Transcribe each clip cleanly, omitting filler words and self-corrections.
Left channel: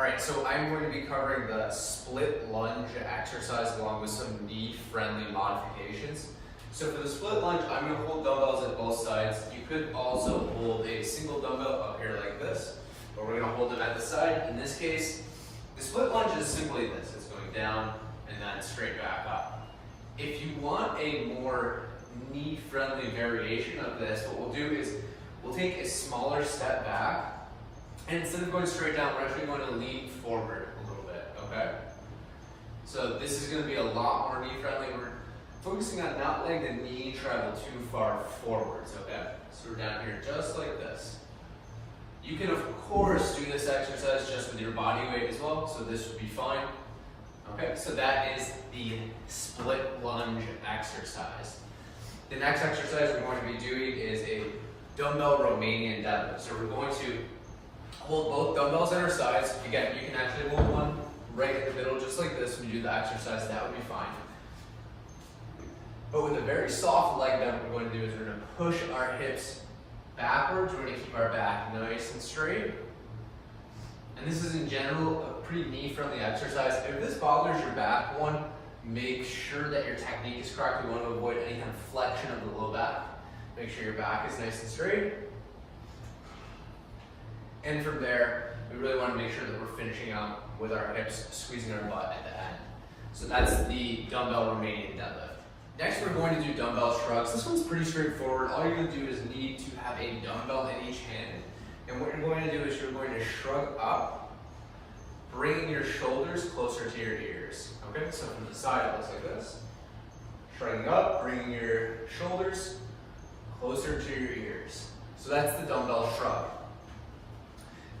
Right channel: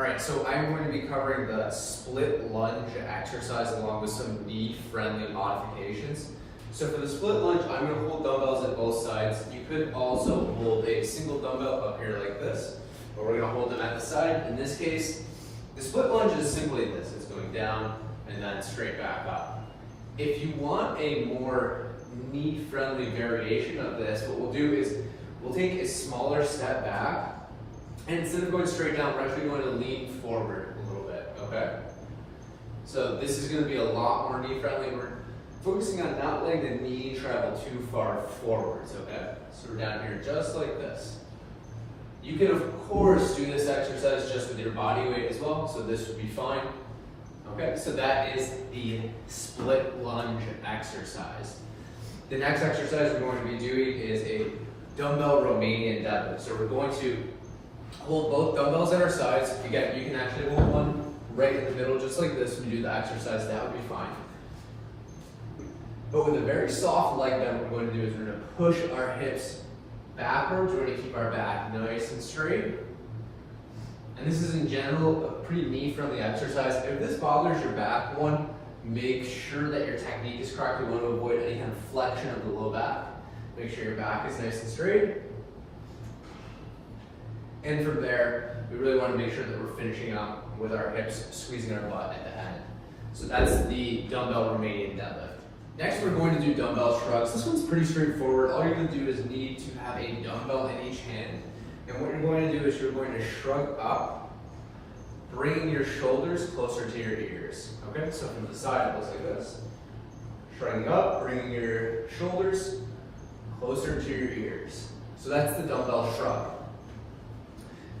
All right, so I'm going to be covering the split lunge exercise along with some knee-friendly modifications. So for the split lunge, I'm going to hold dumbbells at both sides. You could also hold a single dumbbell up here like this, but we're going to hold them at the side. In this case, the split lunge is simply this. It's going down and then straight back up. If you want a more knee-friendly variation of this, what we'll do is we'll take a smaller step back, and instead of going straight down, we're actually going to lean forward a little bit, okay? So this is going to be a lot more knee-friendly. We're focusing on not letting the knee travel too far forwards, okay? So we're down here just like this. You can, of course, do this exercise just with your body weight as well, so this would be fine. Okay, so that is the split lunge exercise. The next exercise we're going to be doing is a dumbbell Romanian deadlift. So we're going to hold both dumbbells at our sides. Again, you can actually hold one right in the middle, just like this. When you do the exercise, that would be fine. But with a very soft leg bend, what we're going to do is we're going to push our hips backwards. We're going to keep our back nice and straight. And this is in general a pretty knee-friendly exercise. If this bothers your back, one, make sure that your technique is correct. We want to avoid any kind of flexion of the low back. Make sure your back is nice and straight. And from there, we really want to make sure that we're finishing out with our hips, squeezing our butt at the end. So that's the dumbbell Romanian deadlift. Next, we're going to do dumbbell shrugs. This one's pretty straightforward. All you're going to do is need to have a dumbbell in each hand. And what you're going to do is you're going to shrug up, bringing your shoulders closer to your ears. Okay, so from the side, it looks like this. Shrugging up, bringing your shoulders closer to your ears. So that's the dumbbell shrug.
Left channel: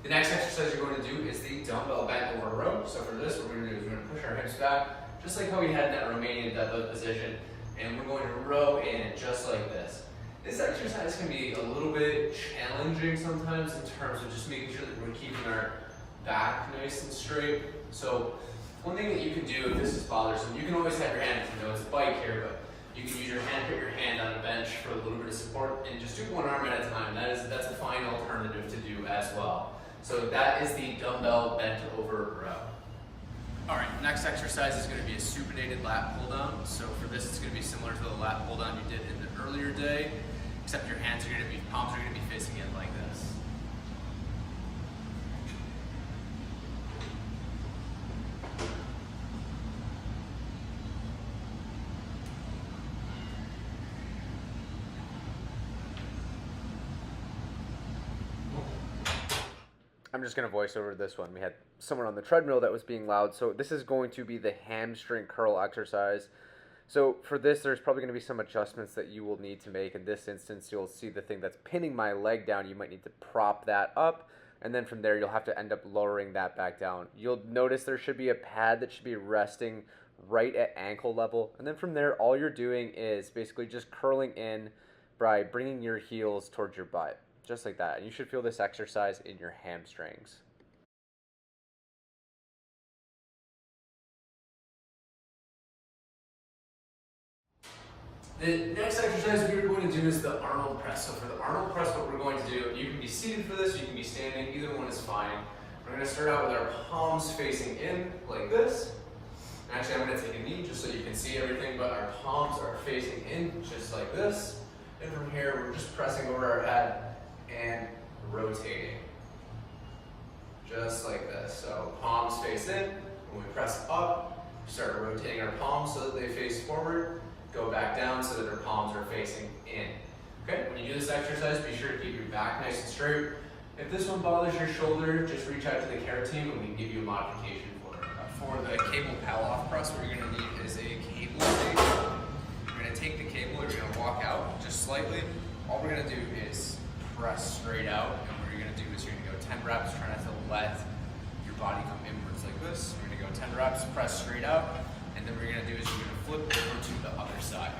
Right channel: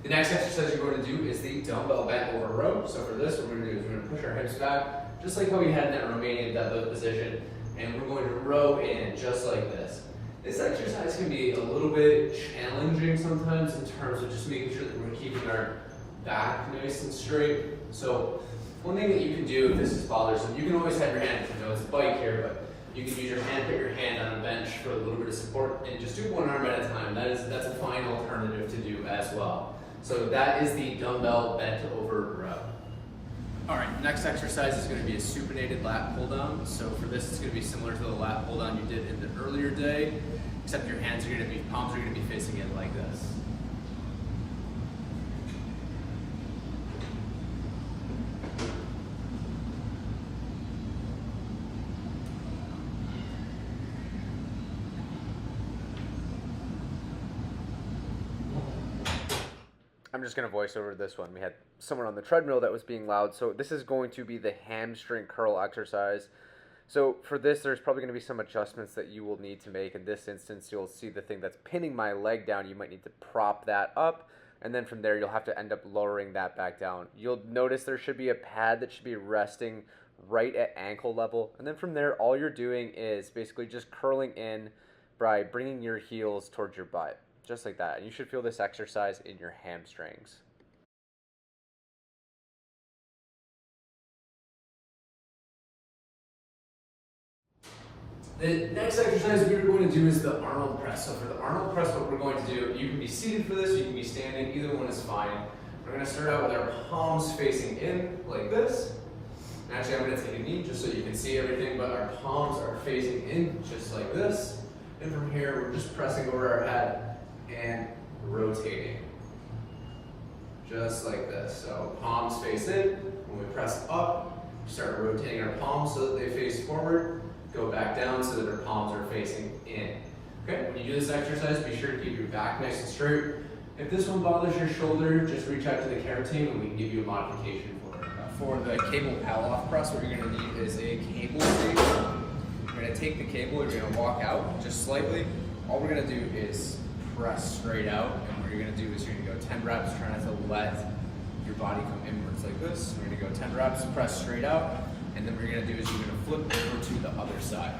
The next exercise you're going to do is the dumbbell bent over row. So for this, what we're going to do is we're going to push our hips back, just like how we had in that Romanian deadlift position, and we're going to row in just like this. This exercise can be a little bit challenging sometimes in terms of just making sure that we're keeping our back nice and straight. So one thing that you can do if this is bothersome, you can always have your hand, you know, it's a bike here, but you can use your hand, put your hand on a bench for a little bit of support, and just do one arm at a time. That's a fine alternative to do as well. So that is the dumbbell bent over row. All right, next exercise is going to be a supinated lat pull down. So for this, it's going to be similar to the lat pull down you did in the earlier day, except your hands are going to be, palms are going to be facing in like this. I'm just going to voice over this one. We had someone on the treadmill that was being loud. So this is going to be the hamstring curl exercise. So for this, there's probably going to be some adjustments that you will need to make. In this instance, you'll see the thing that's pinning my leg down. You might need to prop that up. And then from there, you'll have to end up lowering that back down. You'll notice there should be a pad that should be resting right at ankle level. And then from there, all you're doing is basically just curling in by bringing your heels towards your butt. Just like that. And you should feel this exercise in your hamstrings. The next exercise we're going to do is the Arnold press. So for the Arnold press, what we're going to do, you can be seated for this, you can be standing, either one is fine. We're going to start out with our palms facing in like this. And actually, I'm going to take a knee just so you can see everything, but our palms are facing in just like this. And from here, we're just pressing over our head and rotating, just like this. So palms face in, when we press up, we start rotating our palms so that they face forward, go back down so that our palms are facing in. Okay, when you do this exercise, be sure to keep your back nice and straight. If this one bothers your shoulder, just reach out to the care team and we can give you a modification for it. For the cable pal-off press, what you're going to need is a cable station. You're going to take the cable, you're going to walk out just slightly. All we're going to do is press straight out, and what you're going to do is you're going to go 10 reps, try not to let your body come inwards like this. We're going to go 10 reps, press straight out, and then what you're going to do is you're going to flip over to the other side.